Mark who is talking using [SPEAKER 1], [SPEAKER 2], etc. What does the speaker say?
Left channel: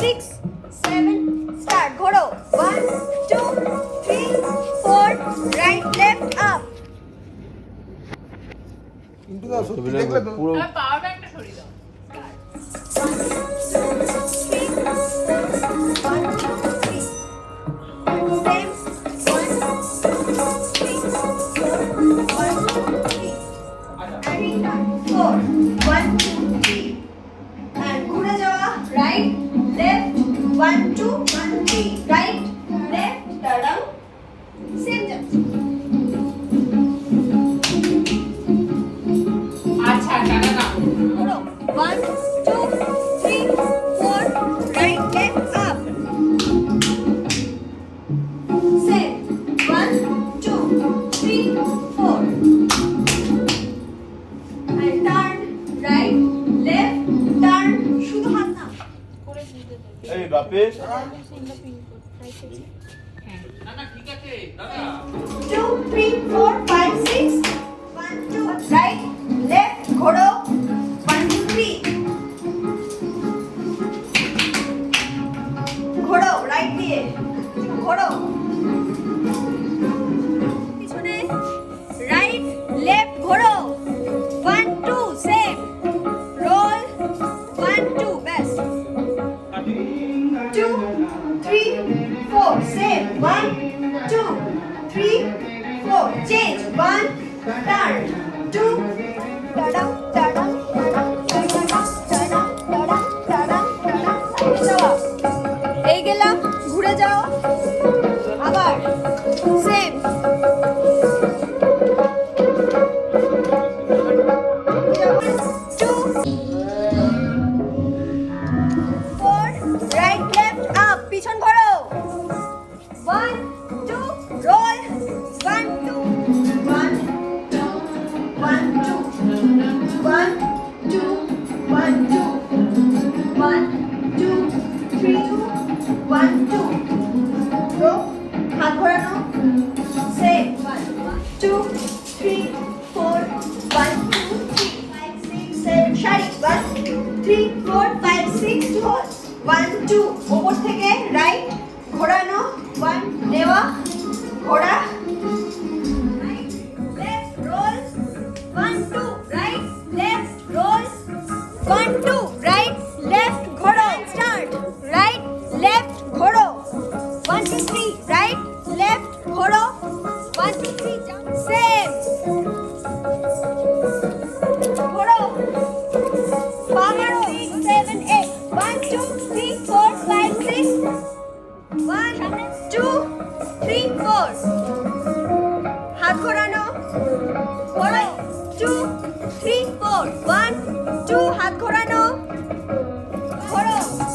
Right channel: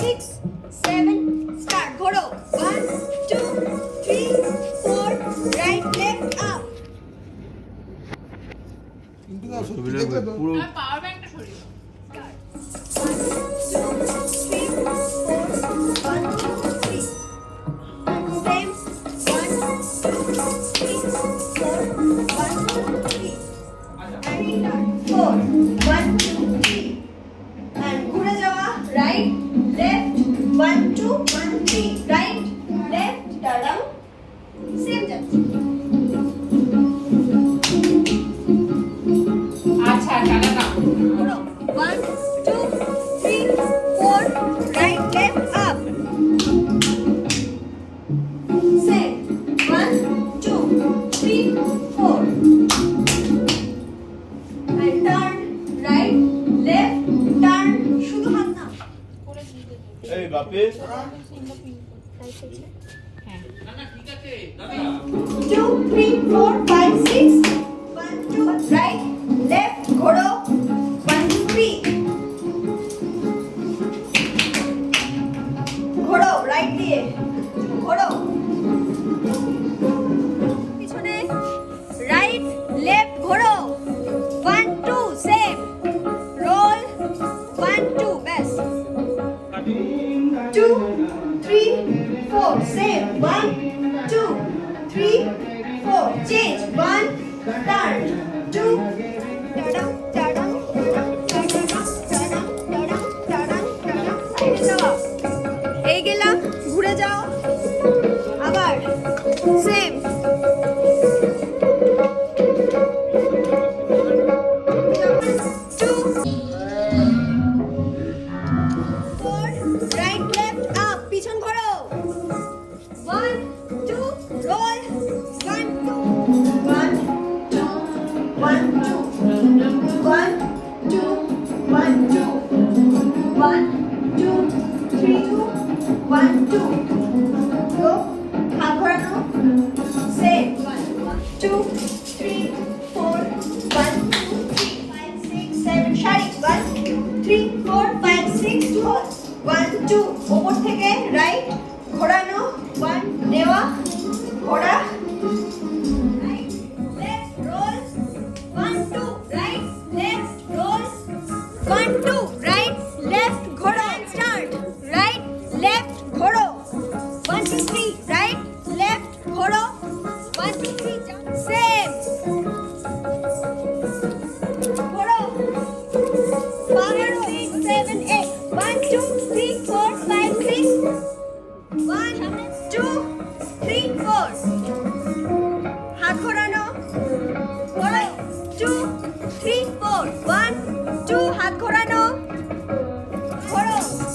[SPEAKER 1] Six seven start ঘোরো। One two three four right left up
[SPEAKER 2] পুরো
[SPEAKER 3] power ব্যাংকটা সরিয়ে দাও।
[SPEAKER 1] 1, 2, 1, 3. Right? বাপে। না ঠিক আছে দাদা 2 3 4 5 6 four. Same. One, two, three, four. Change. One, turn. Two, ta-da. যাও আবার পিছন ঘোরো three, four, five, six, two, one, two, two right, left ঘোরো, স্টার্ট, রাইট, লেফট ঘোরো। One two three right, left ঘোরো। ওয়ান টু থ্রি সেম ঘোরো। পনেরো seven eight one two three four five six one two three four হাত ঘোরানো। ঘোরো। Two three four one 烤肉。